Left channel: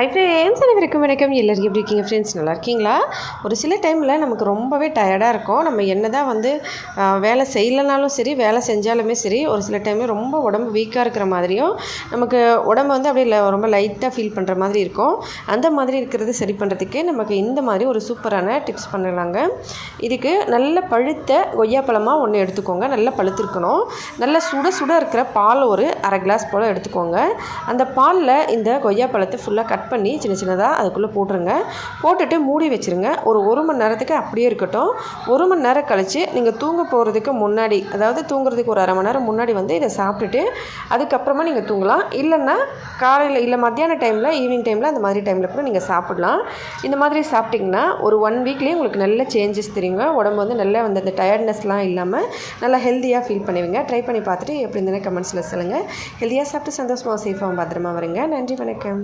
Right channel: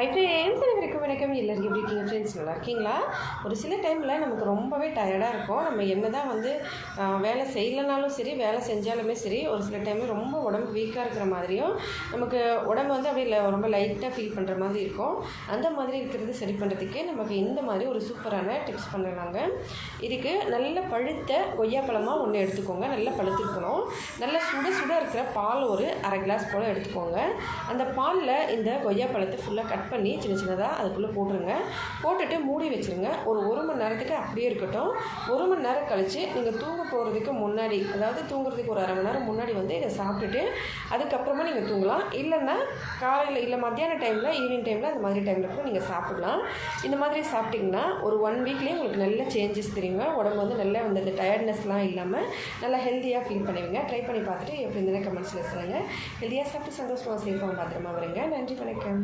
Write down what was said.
Hi friends, அனைவருக்கும் வணக்கம். எல்லோரும் எப்படி இருக்கீங்க ஃப்ரெண்ட்ஸ்? நல்லா இருக்கீங்களா? ஒரு சில டைமில் நமக்கு ரொம்பவே டயர்டாக இருக்கும். நம்ம என்ன தான் வேலை செய்யலைனாலும் சரி, வேலை செஞ்சாலுமே சரி, ஒரு சில டைமில் ரொம்ப உடம்பு வீக்காக இருக்கிற மாதிரியும், நமக்கு உடம்பு அப்படியே ரொம்ப லைட்டாக ஃபீல் பண்ணுற மாதிரி இருக்கும். அந்த மாதிரி இருக்கிறது சரி பண்ணுறதுக்கு நமக்கு இந்த மாதிரி ஒரு சூப்பரான டிப்ஸ் பண்ணலாங்க. இதுக்கு நல்ல பழுத்த கொய்யாப்பழமாக ஒன்று எடுத்துக்கோங்க. நல்லா பழுத்திருக்கணும். நல்லா சுட சுட இருக்கிற பால் ஒரு அரை கிளாஸ் போல் எடுத்துக்கோங்க. அந்த பாலில் இந்த கொய்யாப்பழத்தை ஃபுல்லாக கட் பண்ணி சின்ன சின்னதாக அதுக்குள்ளே போட்டுருங்க. போட்டுட்டு மூடி வச்சுருங்க. ஒரு மணி நேரத்துக்கு அப்படியே இருக்கட்டும். 1 மணி நேரம் கழித்து நீங்கள் தூங்க போகிறதுக்கு முன்னாடி, அதாவது தூங்குறதுக்கு ஒரு அரை மணி நேரம் முன்னாடி இதை சாப்பிட்டுட்டு அதுக்கப்புறமா நீங்கள் தூங்கலாம். இல்லைன்னா காலையில் இல்லை மத்தியான டைமில், ஈவினிங் டைமில், அந்த மாதிரி டைமில் கூட நீங்கள் சாப்பிடலாம். இந்த மாதிரி சாப்பிட்டிங்கன்னா ஒரு 1 வீக்லேயே உங்களுக்கு நல்ல சேஞ்சஸ் தெரியுங்க. உடம்பு நல்லா அந்த டயர்ட்னஸ்லாம் இல்லாமல் நல்லா ஹெல்த்தியாக ஃபீல் பண்ணுவீங்க. ட்ரை பண்ணி பார்த்துட்டு எப்படி இருந்ததுன்னு கமெண்ட்ஸில் சொல்லுங்கள். ஹெல்த்தியாக சாப்பிட்டு சந்தோஷமாக சேஃபாகவும் பத்திரமா வருங்க. நன்றி, வணக்கம்.